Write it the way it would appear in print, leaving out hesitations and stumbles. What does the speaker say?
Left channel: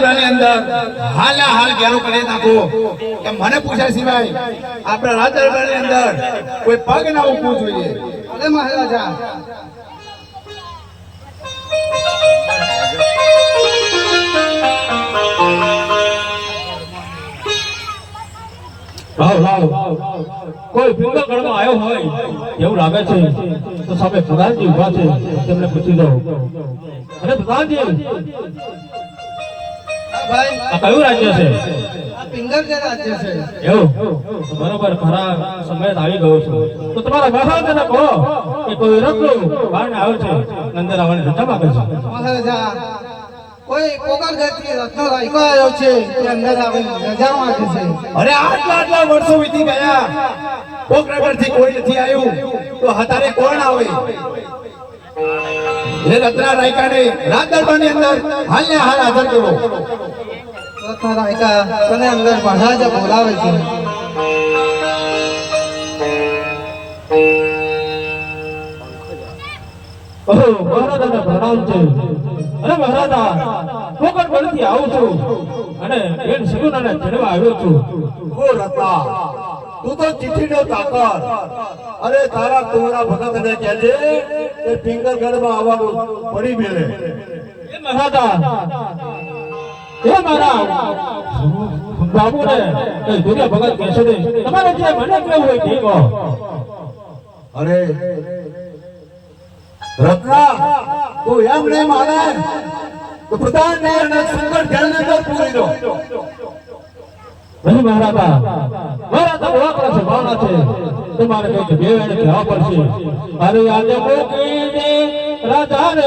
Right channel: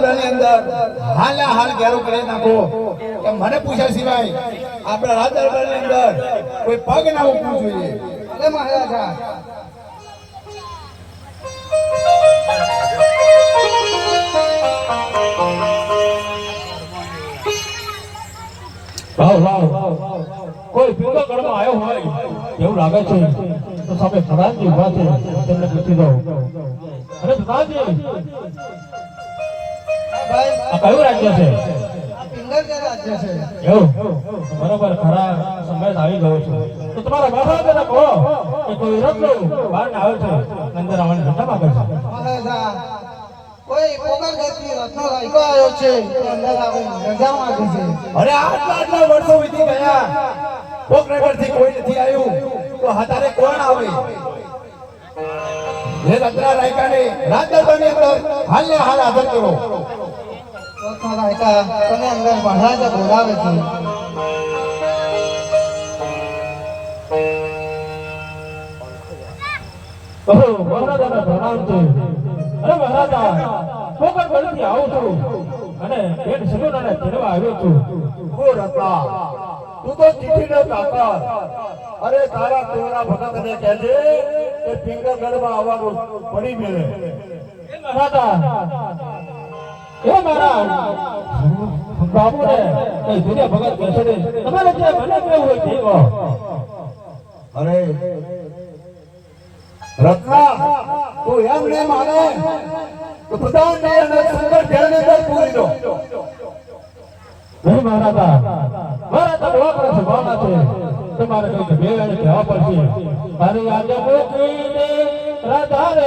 દરબારની અંદર હાલા હાલ ઘેરો કરી નાખો કે મને પૂછ્યા સિવાય આપણા રાજ દરબારની અંદર કોઈ પગ ના મૂકવું જોઈએ. અરે મહારાજા કોઈ પિંગળગઢમાં આવ્યો હોય એવું લાગે છે તો સામે પ્રધાનજી ઉભા છે તેમને પૂછી દો. અને પ્રધાનજી આ કયું રાજ્ય છે? પિંગળગઢ રાજ્ય છે. એવું બરોબર ખરા સમય આવી ગયો છે તો તમારા મહારાજાને કહો કે કોઈ રત્ન બારણે આવ્યો છે અંદર આવવાની રજા માંગે છે. મહારાજા કોઈ પોગલગઢથી રત્નો લાગ્યો આવ્યો છે તે અંદર આવી રજા માંગે છે. અરે આટલા વર્ષો વીતી ગયા પોગલગઢથી કોઈ નથી આવ્યું તો હતારે કોણ આવે? એ રત્ના રાયકાને રાજ દરબારની અંદર હાલને હાલ હાજર કરો. રત્ના રાયકા તને અંદર મહારાજા બોલાવે છે. મહારાજાના પ્રણામ છે. અરે મહારાજા પોગલગઢથી આવું છું અને બેન શિરુનાને તેડવા આવ્યો છું. ઓ રત્ના તું તો ચિઠ્ઠીનો તાકર. અરે તારા તોરા ભગતને કહેજે કે પિંગળગઢમાં આવવાનું પડી મેલે. એ મહારાજા એ મારા બાબુને કઈ દુનિયા ભગત કહેશે નહીં. તમારે જે મને કેવું હોય તે કહો. અરે રત્ના તું એમ નહીં માને તો પ્રધાનને અને સુંદર ઘેરને અંદર પૂરી દો. નહીં મહારાજા મહારાજા બોલાવવાના છે ભાવના છે તમારે કઈ બે જવા પડશે. અને આજે મોકલી દે રાજા રે